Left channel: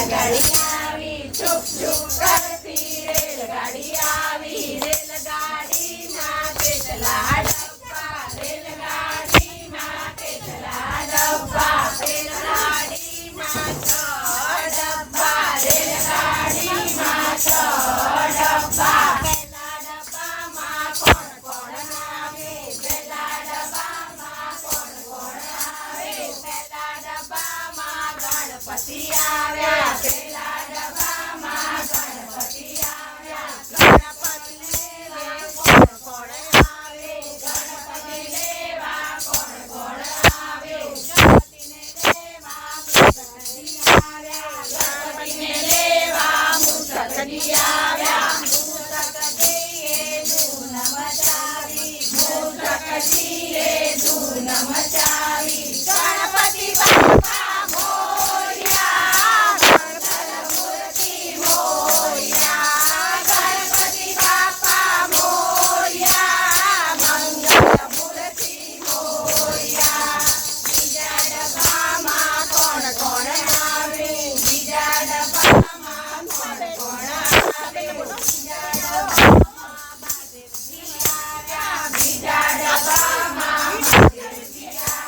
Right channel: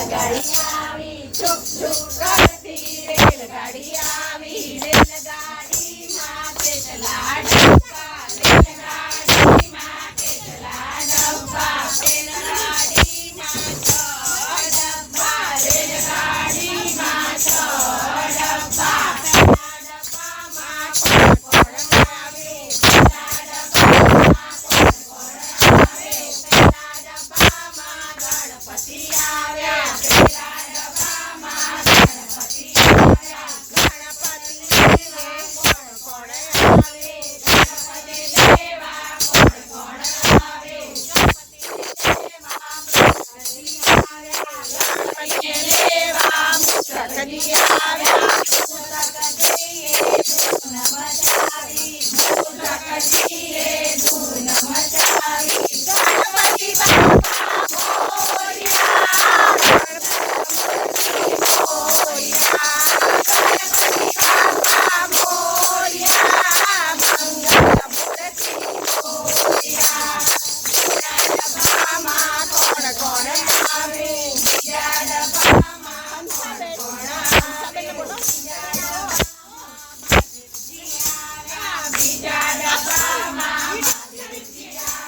રેલગાડી આવી છુપ છુપ કરતી રેલગાડી આવી રેલગાડીમાં કેટલા ડબ્બા રેલગાડીમાં કેટલા ડબ્બા રેલગાડીમાં 6 ડબ્બા રેલગાડીમાં 6 ડબ્બા પહેલા ડબ્બામાં કોણ કોણ આવે પહેલા ડબ્બામાં કોણ કોણ આવે પહેલા ડબ્બામાં ગણપતિ આવ્યા પહેલા ડબ્બામાં ગણપતિ આવ્યા ગણપતિ લેવા કોણ કોણ આવે ગણપતિ લેવા કોણ કોણ આવે ગણપતિ લેવા ગણપતિ આવ્યા ગણપતિ લેવા મુસકડી